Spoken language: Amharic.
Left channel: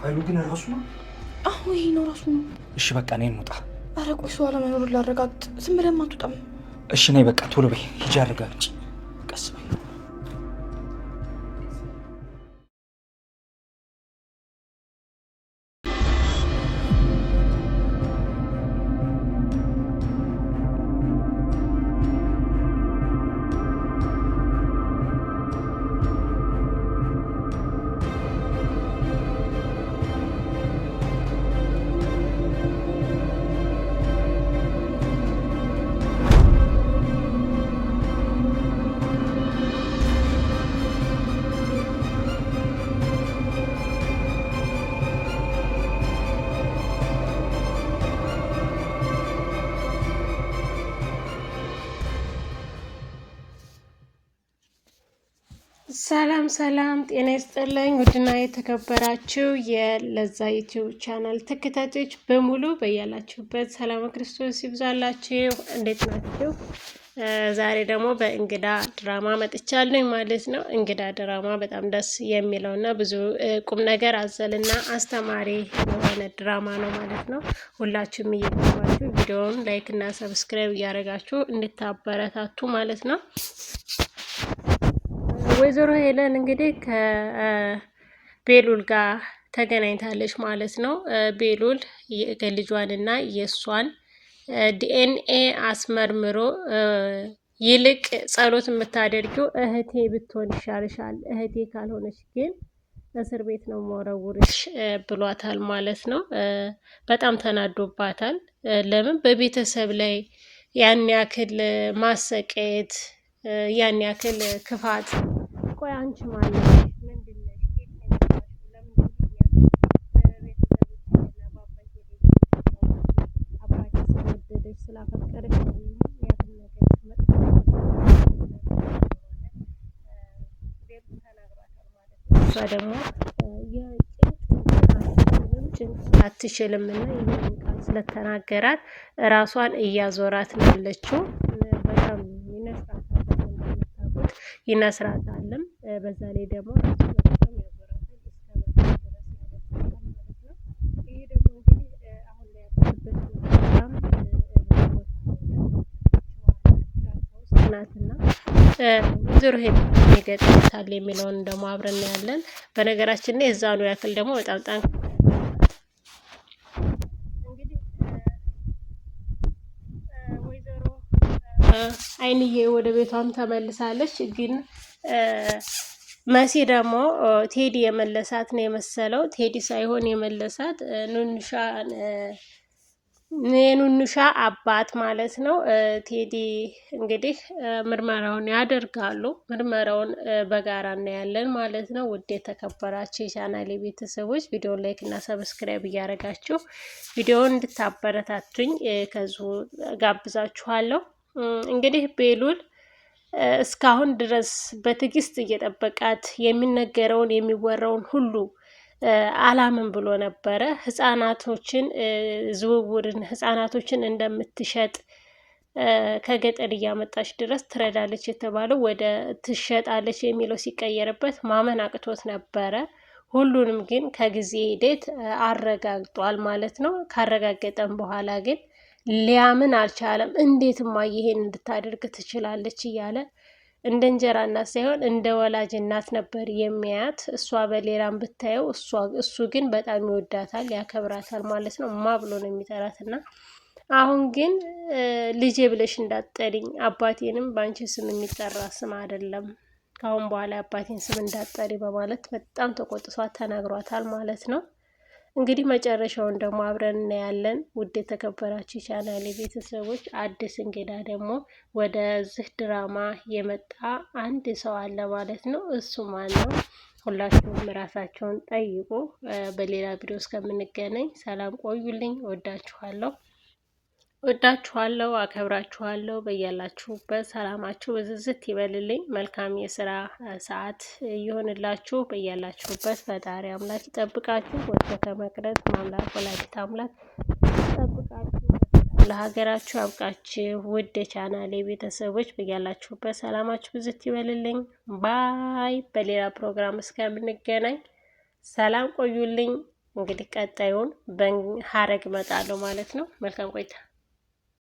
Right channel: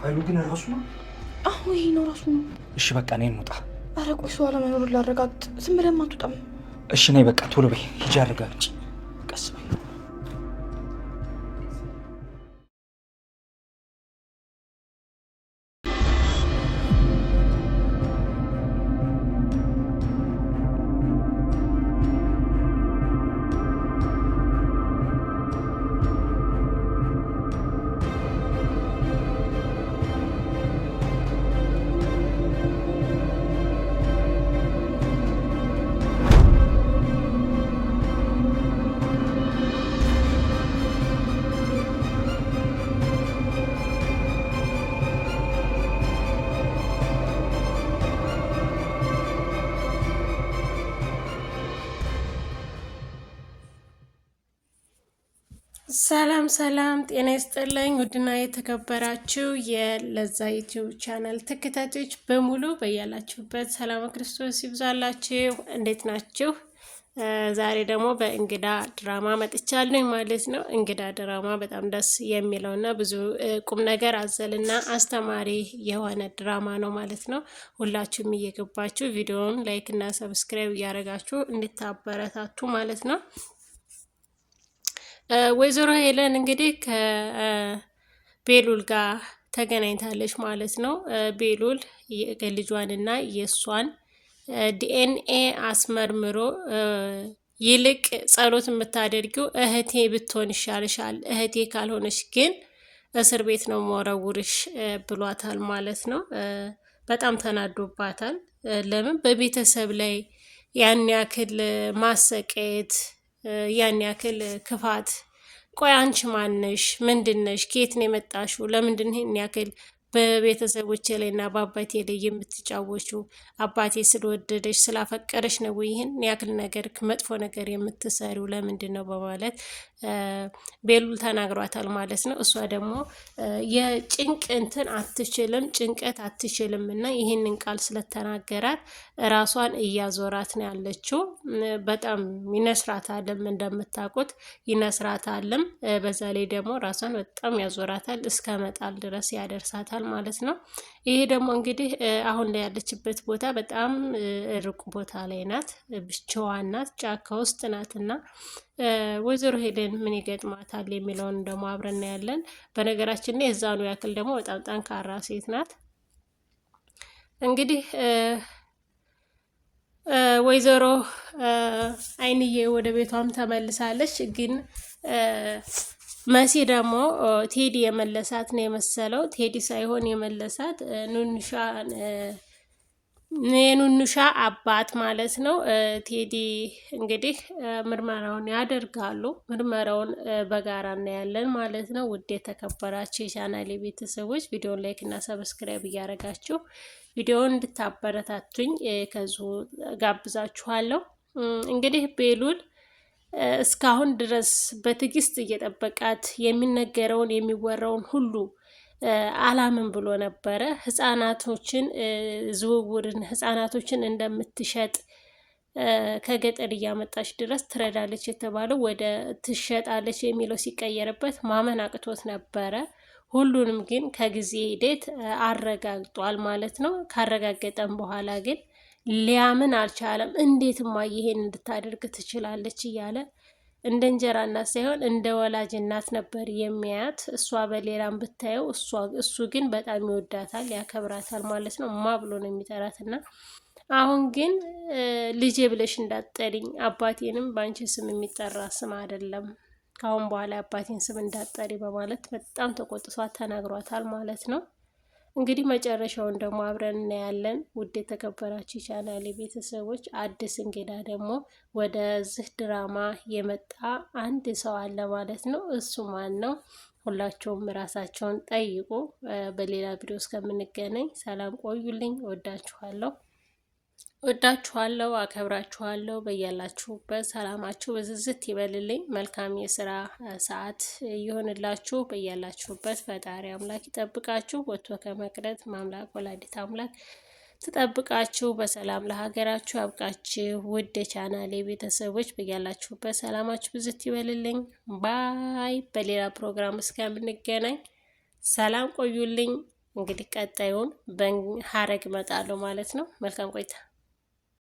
ኃይሉ ግን ራሱ ነው? አዎ ይሄ ነው ራሱ ነው። እሺ በቃ ነይ እንውጣ። ኧረ ቆይ ሰው አለመኖሩን ላረጋግጥ። ዝም ብለን አትወጣም። እሺ ነይ በቃ ቶሎ በይ ሂጂ አረጋግጪ። ቀስ በይ። ሰላም ሰላም፣ ጤና ይስጥልኝ ውድና የተከበራችሁ የለዛ ዩቲዩብ ቻናል ተከታታዮች በሙሉ በያላችሁበት ሰላም ክርስቶስ ይብዛላችሁ። እንዴት ናችሁ? ዛሬ ደግሞ በእንግዳ ድራማ መጥቻለሁ ማለት ነው። እንግዳ ድራማ በጣም ደስ የሚለውና ብዙ ቁም ነገር አዘልና አስተማሪ የሆነ ድራማ ነው ማለት ነው። ሁላችሁም እየገባችሁ ቪዲዮውን ላይክ እና ሰብስክራይብ እያደረጋችሁ እንድታበረታቱ ማለት ነው። ወይዘሮ ሄለን እንግዲህ ከቤሉል ጋር ተገናኝታለች ማለት ነው። ቤሉል የልጇንና የእሷን ዲኤንኤ አስመርምሮ ይልቅ ጸሎት የምታደርጊው እህቴ ብትሆን ይሻልሻል፣ እህቴ ካልሆነች ግን እስር ቤት ነው መወረውርሽ ብሏታል ማለት ነው። በጣም ተናዶባታል። ለምን በቤተሰብ ላይ ያን ያክል ማሰቃየት፣ ያን ያክል ክፋት? ቆይ አንቺ ማነሽ? ምንድነሽ? ከየት ነው የመጣሽው? ለምንድን ይሄን ያክል በቤተሰቦቼ ላይና በአባቴ ላይ የምትጫወቹ? አባቴ ስለወደደሽ ስላፈቀረሽ ነው ይህን ያክል ነገር መጥፎ ነገር የምትሰሪው ለምንድን ነው? በማለት ቤሉል ተናግሯታል ማለት ነው። እሷ ደግሞ የጭንቅ እንትን አትችልም፣ ጭንቀት አትችልም እና ይህንን ቃል ስለተናገራት ራሷን እያዞራት ነው ያለችው። በጣም ይነስራታልም፣ እንደምታውቁት ይነስራታልም። በዛ ላይ ደግሞ ራሷን በጣም ያዞራታል፣ እስከ መጣል ድረስ ያደርሳታል ማለት ነው። ይሄ ደግሞ እንግዲህ አሁን ላይ ያለችበት ቦታ በጣም ሩቅ ቦታ ላይ ናት፣ ብቻዋን ናት፣ ጫካ ውስጥ ናትና ወይዘሮ ሄለን ይገጥማታል የሚለውን ደግሞ አብረን ያለን። በነገራችን ላይ እዛኑ ያክል ደግሞ በጣም ጠንካራ ሴት ናት። እንግዲህ ወይዘሮ አይንዬ ወደ ቤቷም ተመልሳለች። ግን መሲ ደግሞ ቴዲ የመለሳት ነው የመሰለው። ቴዲ ሳይሆን የመለሳት የኑኑሻ አባት ማለት ነው። ቴዲ እንግዲህ ምርመራውን ያደርጋሉ። ምርመራውን በጋራ እናያለን ማለት ነው። ውድ የተከበራችሁ የቻናሌ ቤተሰቦች ቪዲዮን ላይክ እና ሰብስክራይብ እያደረጋችሁ ቪዲዮውን እንድታበረታቱኝ ከዙ ጋብዛችኋለሁ። እንግዲህ ቤሉል እስካሁን ድረስ በትዕግስት እየጠበቃት የሚነገረውን የሚወራውን ሁሉ አላምን ብሎ ነበረ። ህፃናቶችን ዝውውርን ህፃናቶችን እንደምትሸጥ ከገጠር እያመጣች ድረስ ትረዳለች የተባለው ወደ ትሸጣለች የሚለው ሲቀየርበት ማመን አቅቶት ነበረ። ሁሉንም ግን ከጊዜ ሂደት አረጋግጧል ማለት ነው። ካረጋገጠም በኋላ ግን ሊያምን አልቻለም። እንዴትማ ይሄን እንድታደርግ ትችላለች እያለ እንደ እንጀራ እናት ሳይሆን እንደ ወላጅ እናት ነበር የሚያያት። እሷ በሌላም ብታየው እሱ ግን በጣም ይወዳታል፣ ያከብራታል ማለት ነው። ማ ብሎ ነው የሚጠራትና አሁን ግን ልጄ ብለሽ እንዳትጠሪኝ፣ አባቴንም በአንቺ ስም የሚጠራ ስም አይደለም፣ ካሁን በኋላ አባቴን ስም እንዳትጠሪ በማለት በጣም ተቆጥቷት ተናግሯታል ማለት ነው። እንግዲህ መጨረሻውን ደግሞ አብረን እናያለን። ውድ የተከበራችሁ ቻናሌ ቤተሰቦች፣ አዲስ እንግዳ ደግሞ ወደዚህ ድራማ የመጣ አንድ ሰው አለ ማለት ነው። እሱ ማን ነው? ሁላቸውም ራሳቸውን ጠይቁ። በሌላ ቪዲዮ እስከምንገናኝ ሰላም ቆዩልኝ። ወዳችኋለሁ፣ አከብራችኋለሁ። በያላችሁበት ሰላማችሁ በዝዝት ይበልልኝ። መልካም የስራ ሰዓት ይሆንላችሁ። በያላችሁበት ፈጣሪ አምላክ ይጠብቃችሁ። ወጥቶ ከመቅረት ማምላክ ወላዲት አምላክ ይጠብቃችሁ። በሰላም ለሀገራችሁ ያብቃችሁ። ውድ ቻናሌ ቤተሰቦች በያላችሁበት ሰላማችሁ ብዝት ይበልልኝ። ባይ። በሌላ ፕሮግራም እስከምንገናኝ ሰላም ቆዩልኝ። እንግዲህ ቀጣዩን በሐረግ እመጣለሁ ማለት ነው። መልካም ቆይታ